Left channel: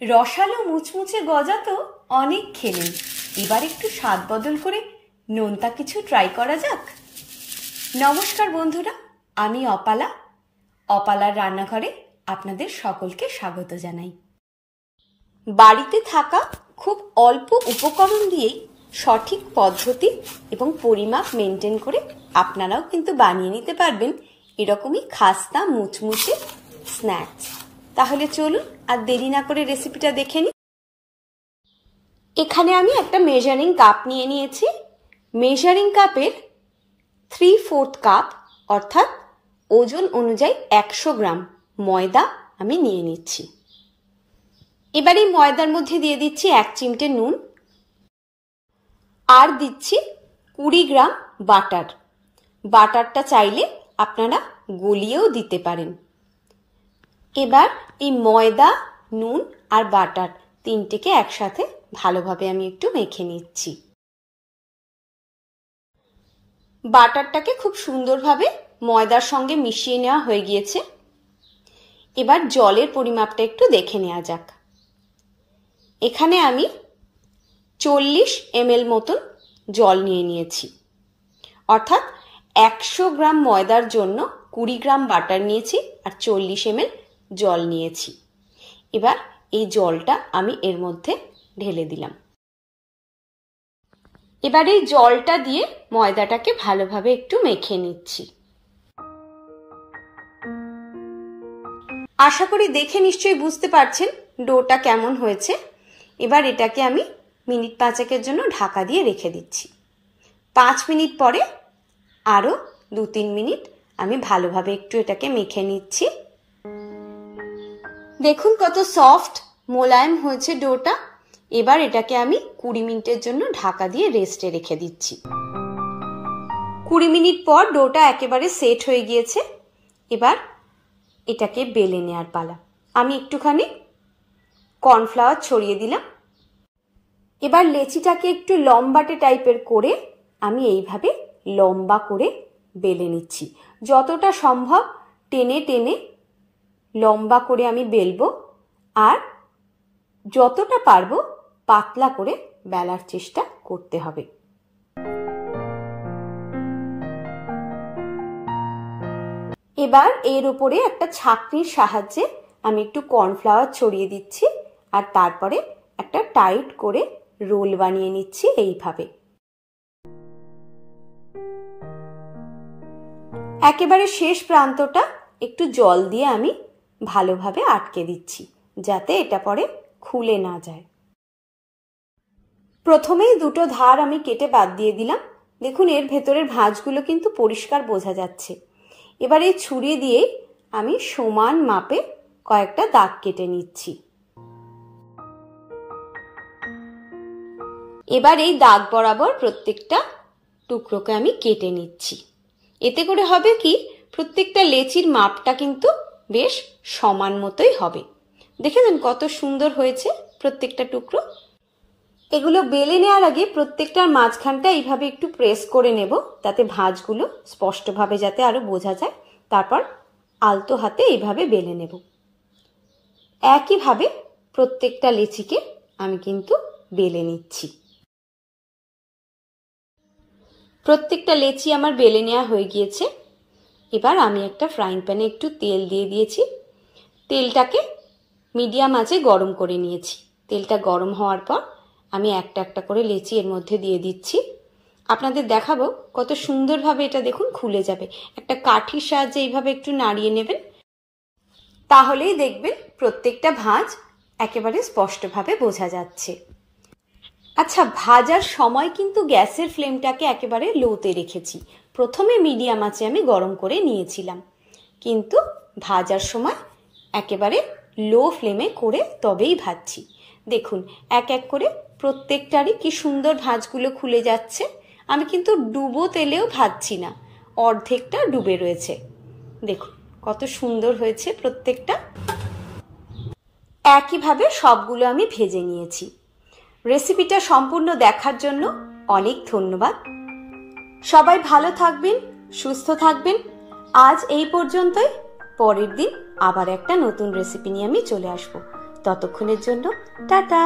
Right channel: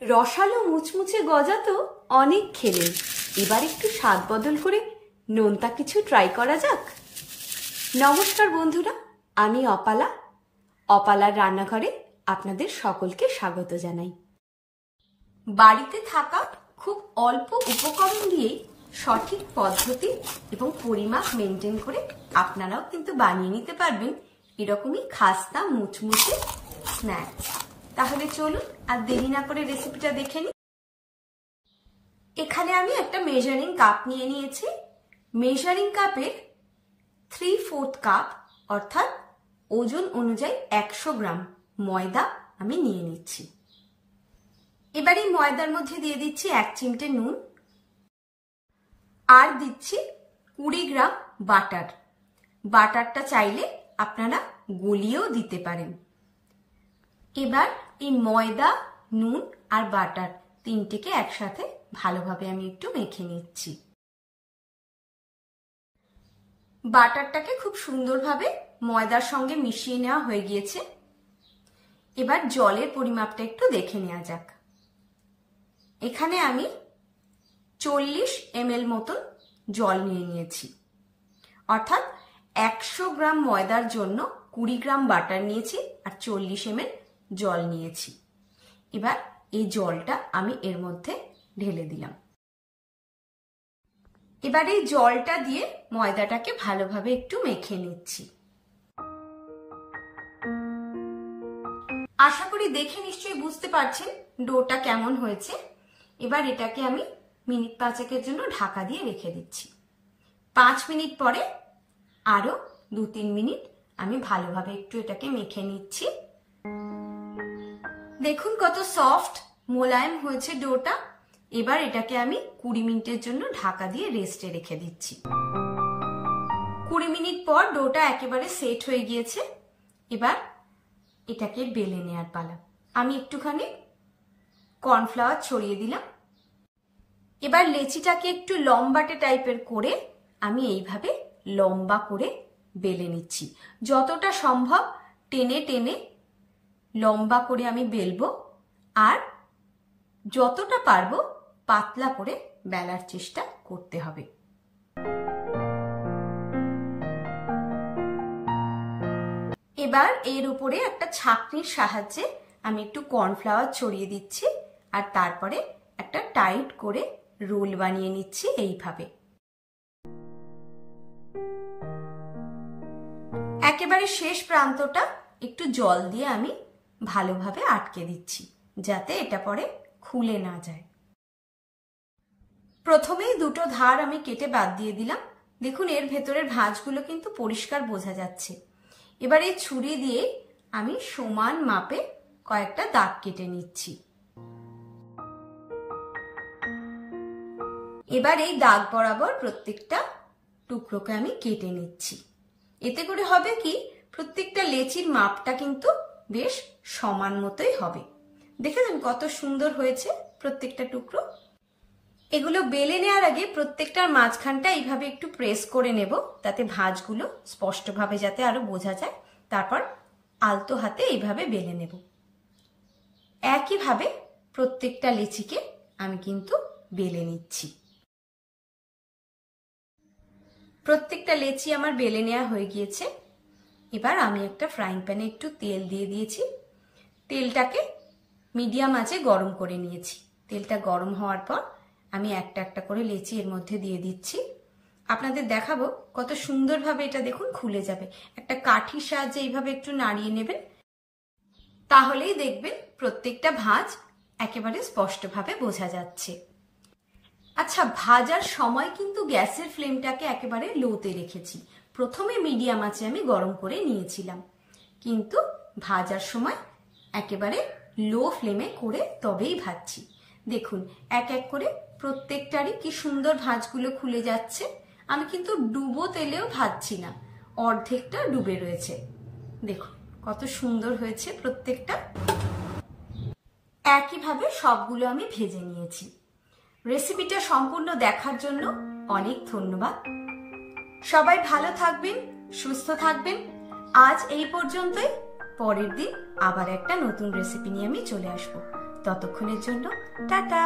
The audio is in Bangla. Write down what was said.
রসালো মুচমুচে গজা তো অনেক খেলেন, এবার একটু স্বাদ বদল করে নোনতা কিছু ট্রাই করা যাক। নমস্কার বন্ধুরা, আমি অপালা। অপালার রান্নাঘরে আপনাদের সকলকে স্বাগত জানাই। বাড়িতে থাকা খুব অল্প উপকরণ দিয়েই সঠিক পদ্ধতি এবং পরিমাপ মেনটেন করে আপনারাও কিন্তু বানিয়ে নিতে পারবেন এরকমই খাস্তা মুচমুচে স্ন্যাক্স। তাহলে চলুন আর দেরি না করে রেসিপিটা দেখে নিই। এখানে আমি একটা মেজারিং কাপ নিয়ে নিয়েছি। মেজারিং কাপের 3/4 কাপ অর্থাৎ ওজন অনুযায়ী 100 গ্রাম ময়দা আমি নিয়ে নিচ্ছি। এবার এই ময়দার মধ্যে দিয়ে দিচ্ছি 1 চিমটে নুন আর দিচ্ছি 20 গ্রাম বাটার। বাটারটা চাইলে আপনারা গলিয়েও দিতে পারেন। এবার এই ময়দা, নুন আর বাটার তিনটেকে একসাথে ভালোভাবে আমি একটু মেখে নিচ্ছি। বাটারটাকে খুব সুন্দরভাবে ময়দার সঙ্গে মিশিয়ে নেওয়া হয়ে গিয়েছে। এবার জলের পরিমাপটা একটু দেখে নেওয়া যাক। এখানে আমি 40 ml মতন জল নিয়ে নিয়েছি, অর্থাৎ 100 গ্রাম ময়দার জন্য 20 গ্রাম বাটার নিয়েছি আর 40 ml জল নিয়েছি। এবার এই জলটা আমি এর মধ্যে ঢেলে দিলাম। এবার এই জলটা দিয়ে ময়দাটাকে ভালোভাবে একটু মেখে নিচ্ছি। আশা করি দেখে নিশ্চয়ই বুঝতে পারছেন ডোটা কেমন হয়েছে। এবার এটাকে আমি মিনিট 5 জন্য ঢাকা দিয়ে রেখে দিচ্ছি। 5 মিনিট পরে আরো 2-3 মিনিট আমি ভালোভাবে একটু এটাকে মেখে নিচ্ছি। দেখুন কত সফট মোলায়েম হয়েছে ডোটা। এবার এটাকে আমি 20 মিনিটের জন্য ঢাকা দিয়ে রেস্টে রেখে দিচ্ছি। 20 মিনিট পর ডোটা একেবারে সেট হয়ে গিয়েছে। এবার এটাকে বেলে নেওয়ার পালা। আমি একটুখানি কর্নফ্লাওয়ার ছড়িয়ে দিলাম। এবার লেচিটাকে একটু লম্বাটে টাইপের করে আমি এইভাবে লম্বা করে বেলে নিচ্ছি। যতটা সম্ভব টেনে টেনে লম্বা করে আমি বেলবো আর যতটা পারবো পাতলা করে বেলার চেষ্টা করতে হবে। এবার এর উপরে একটা ছাঁকনির সাহায্যে আমি একটু কর্নফ্লাওয়ার ছড়িয়ে দিচ্ছি আর তারপরে একটা টাইট করে রোল বানিয়ে নিচ্ছি এইভাবে। একেবারে শেষ প্রান্তটা একটু জল দিয়ে আমি ভালোভাবে আটকে দিচ্ছি যাতে এটা পরে খুলে না যায়। প্রথমেই দুটো ধার আমি কেটে বাদ দিয়ে দিলাম। দেখুন এর ভেতরের ভাঁজগুলো কিন্তু পরিষ্কার বোঝা যাচ্ছে। এবার এই ছুরি দিয়ে আমি সমান মাপে কয়েকটা দাগ কেটে নিচ্ছি। এবার এই দাগ বরাবর প্রত্যেকটা টুকরোকে আমি কেটে নিচ্ছি। এতে করে হবে কি, প্রত্যেকটা লেচির মাপটা কিন্তু বেশ সমান মতোই হবে। দেখেছেন কত সুন্দর হয়েছে প্রত্যেকটা টুকরো। এগুলো বেলে নেওয়ার আগে প্রত্যেকটার মাঝখানটা এইভাবে একটু প্রেস করে নেব, তাতে ভাঁজগুলো স্পষ্টভাবে যাতে আরো বোঝা যায়। তারপর আলতো হাতে এইভাবে বেলে নেব। একইভাবে প্রত্যেকটা লেচিকে আমি কিন্তু বেলে নিচ্ছি। প্রত্যেকটা লেচি আমার বেলে নেওয়া হয়ে গিয়েছে। এবার আমি একটা ফ্রাইং প্যানে একটু তেল দিয়ে দিয়েছি। তেলটাকে মিডিয়াম আঁচে গরম করে নিয়েছি। তেলটা গরম হওয়ার পর আমি একটা একটা করে লেচি এর মধ্যে দিয়ে দিচ্ছি। আপনাদের দেখাবো কত সুন্দরভাবে এটা দেখুন খুলে যাবে। একটা কাঠির সাহায্যে এইভাবে একটু নাড়িয়ে নেবেন, তাহলেই দেখবেন প্রত্যেকটা ভাঁজ একেবারে স্পষ্টভাবে বোঝা যাচ্ছে। আচ্ছা, ভাজার সময় কিন্তু গ্যাসের ফ্লেমটাকে একেবারে লোতে রেখেছি। প্রথমে মিডিয়াম আঁচে আমি গরম করে নিয়েছিলাম, কিন্তু ভাজার সময় একেবারে লো ফ্লেমে করে তবেই ভাজছি। দেখুন এক এক করে প্রত্যেকটারই কি সুন্দর ভাঁজগুলো খুলে যাচ্ছে। আমি কিন্তু ডুবো তেলেও ভাজছি না, অর্ধেকটা ডুবে রয়েছে। দেখুন কত সুন্দর হয়েছে প্রত্যেকটা। একইভাবে সবগুলো আমি ভেজে নিয়েছি। রেসিপিটা সম্পূর্ণ দেখার জন্য অনেক ধন্যবাদ। সবাই ভালো থাকবেন, সুস্থ থাকবেন। আজ এই পর্যন্তই। পরের দিন আবার একটা নতুন রেসিপি নিয়ে আমি চলে আসবো। ততক্ষণের জন্য টাটা।